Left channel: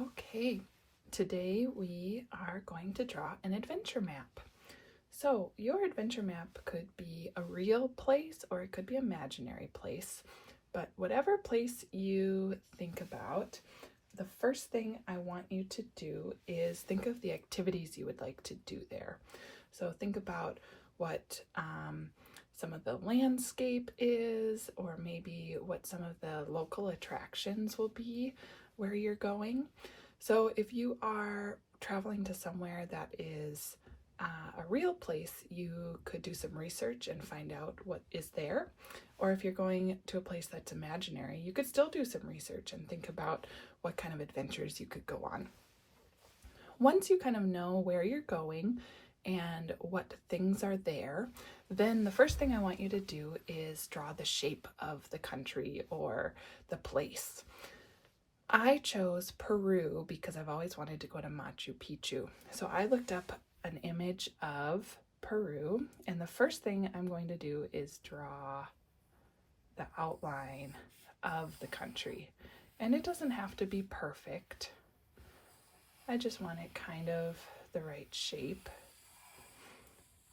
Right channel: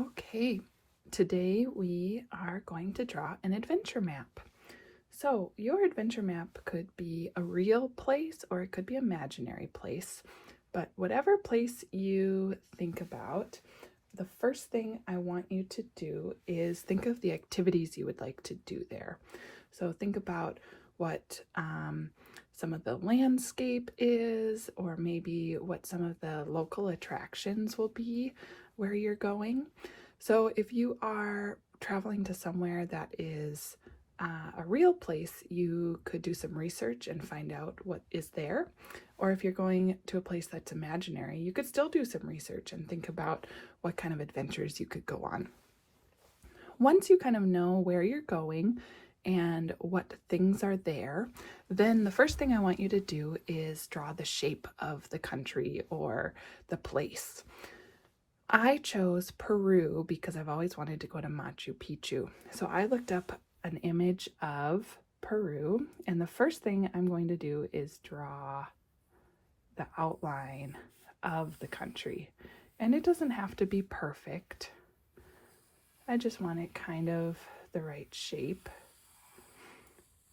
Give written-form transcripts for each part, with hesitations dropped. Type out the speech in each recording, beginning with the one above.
Okay, today we are going to draw an adventure map. So your adventure map could be a real place or it could be an imaginary place, but whatever place you think about, the first thing I want you to do is think of the activities you would like to do there. So think about what some of the landscape is, or maybe what some of the local attractions will be where you're going. So if you are traveling to somewhere that is a real place, you could do some research and find out what is there. Or if you're going to a place that's imaginary, you could still do some research and think about what kind of adventures you could go on. Once you kind of know where you're going and what things are there, then the first thing I want you to do is draw the shape of the country or the place. I chose Peru because I've always wanted to go to Machu Picchu. So I looked up an image of Peru, and the first thing I'm going to do is draw the outline of the country. And it doesn't have to be perfect. I just want it kind of the right shape.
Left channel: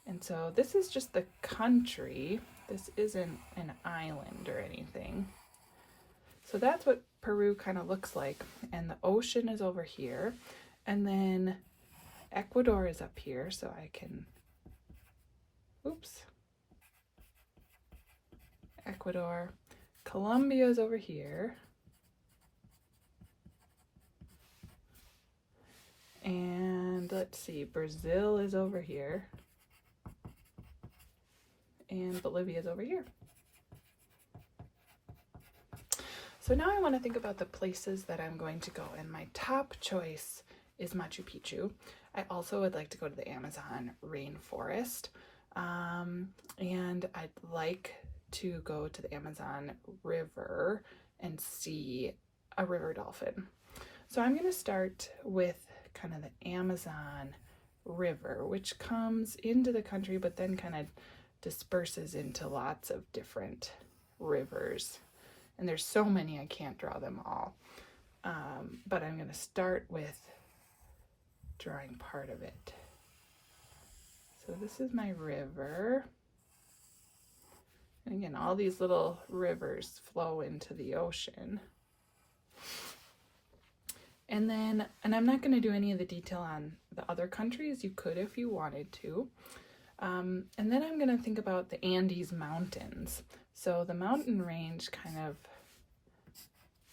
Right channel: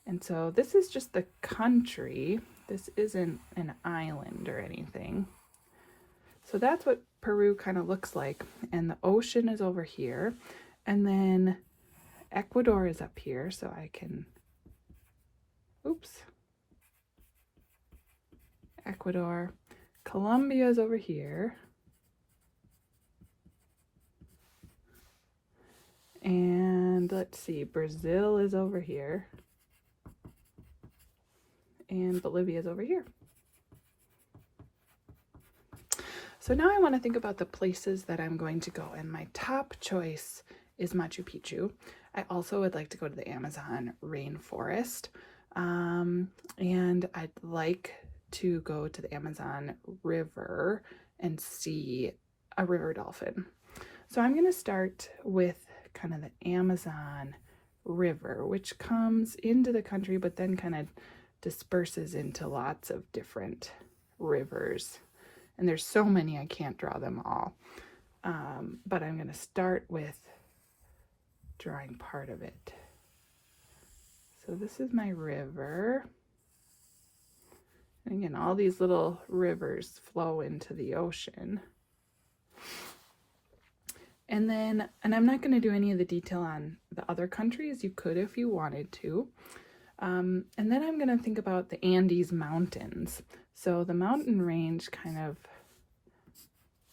And so this is just the country. This isn't an island or anything. So that's what Peru kind of looks like. And the ocean is over here. And then Ecuador is up here, so I can, Ecuador. Colombia is over here. And let's see, Brazil is over here. And Bolivia is over here. So now I want to think about the places that I'm going to go, and my top choice is Machu Picchu. I also would like to go to the Amazon rainforest, and I'd like to go to the Amazon River and see a river dolphin. So I'm going to start with kind of the Amazon River, which comes into the country but then kind of disperses into lots of different rivers. And there's so many I can't draw them all. But I'm going to start with drawing part of it. So this is my river. And again, all these little rivers flow into the ocean. And I'm not going to do any of the detail on the other countries. You could if you wanted to. And then I'm going to think about the Andes Mountains. So the mountain range kind of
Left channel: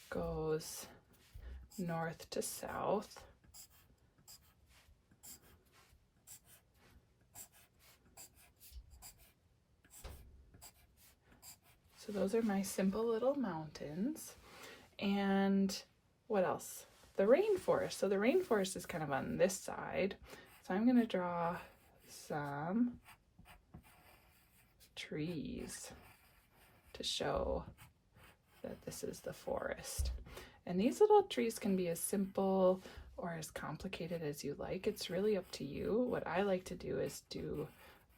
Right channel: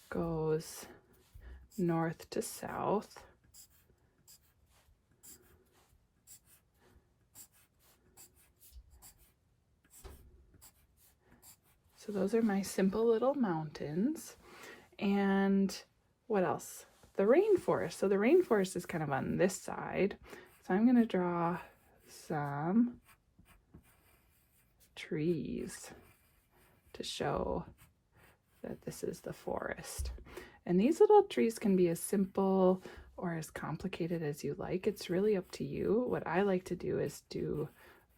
goes north to south. So those are my simple little mountains. And what else? The rainforest. So the rainforest is kind of on this side. So I'm going to draw some trees to show that this is the forest. And these little trees can be as simple or as complicated as you like. It's really up to you. What I like to do is do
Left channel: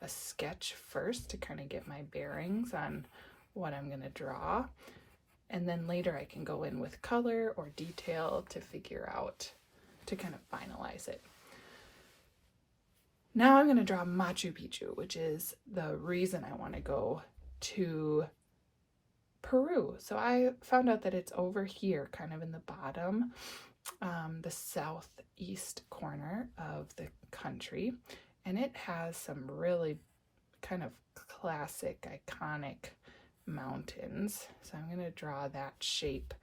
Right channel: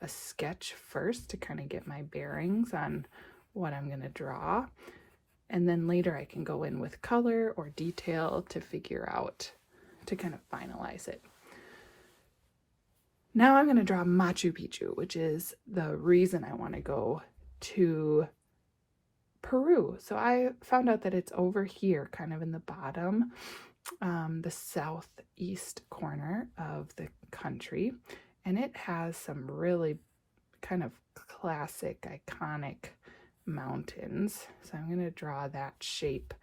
a sketch first to kind of get my bearings on what I'm going to draw. And then later I can go in with color or detail to figure out, to kind of finalize it. Now I'm going to draw Machu Picchu, which is the reason I want to go to Peru. So I found out that it's over here, kind of in the bottom, the southeast corner of the country. And it has some really kind of classic, iconic mountains. So I'm going to draw that shape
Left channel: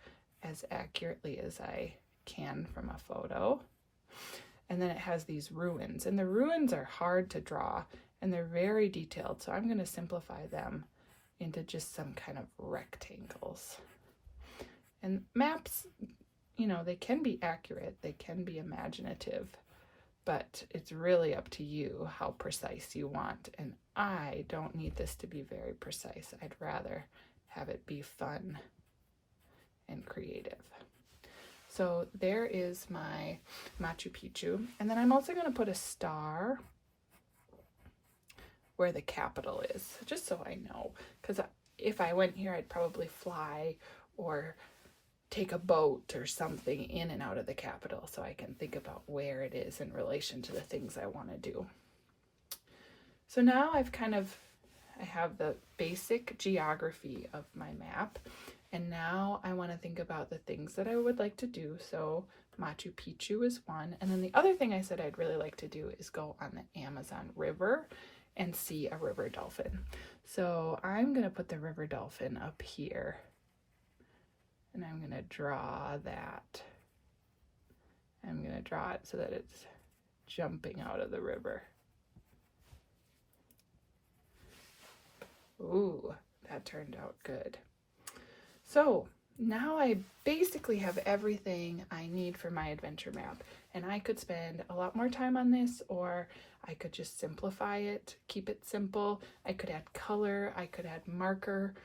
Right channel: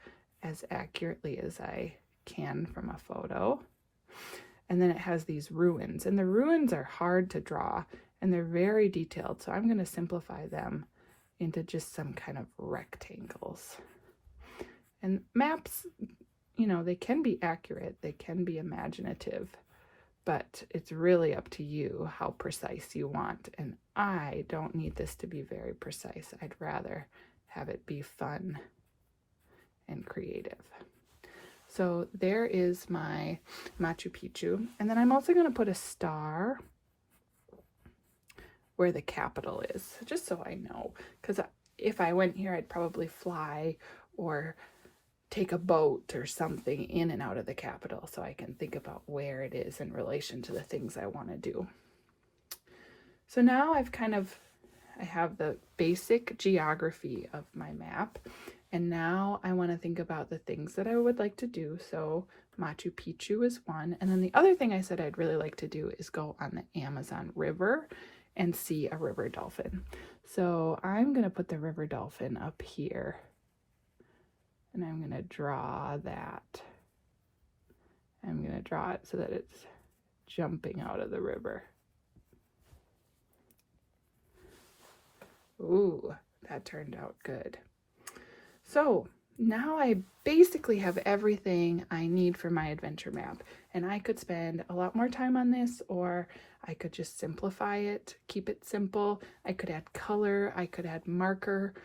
as accurately as I can from a photo. And then it has these ruins, and the ruins are hard to draw and they're very detailed. So I'm going to simplify them into just some kind of rectangles. And maps, you know, they can be accurate, they can be imaginative, but it's really up to you how precise you want. And I don't need this to be very precise. I'd rather have it be fun and creative. So there is my Machu Picchu. And then I'm also going to put a star where the capital is, just so I know. Because if I went here, I'd probably fly or take a boat or something in and out of the capital so I can think about where it is in relation to the things I want to do. So now I have the basic geography of my map, and now I want to think about the things that I would like to do. So Machu Picchu is one, and then the other thing I said I'd really like to do is go on the Amazon River and see a river dolphin. So I'm going to put the river dolphin up here, and I'm going to draw that. I'm going to draw it so that it's jumping out of the river. Ooh, that turned out good. So now I basically have everything I need for my adventure map, and I could spend a lot more time on this, or I could just simplify it, keep it simple. I could add color, I could add marker.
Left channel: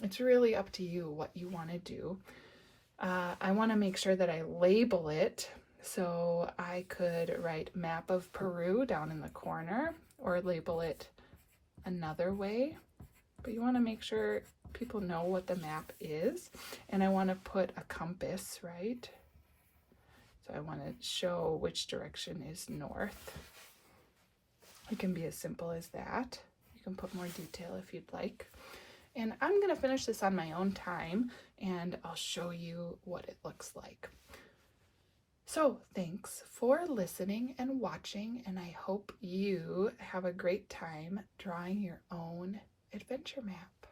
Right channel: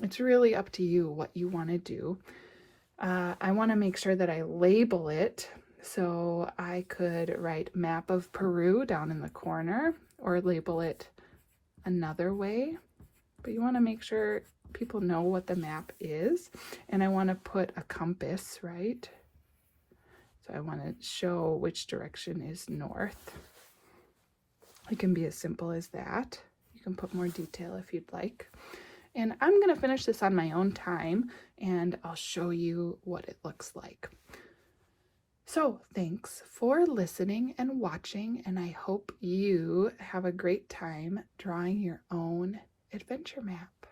It's really up to you what you want to do. I want to make sure that I label it, so I could write map of Peru down in the corner, or label it another way, but you want to make sure people know what the map is. And I want to put a compass, right? So I want to show which direction is north. It can be as simple as that. You can put more detail if you'd like. And I'm going to finish this on my own time, and I'll show you what it looks like. So thanks for listening and watching, and I hope you have a great time drawing your own adventure map.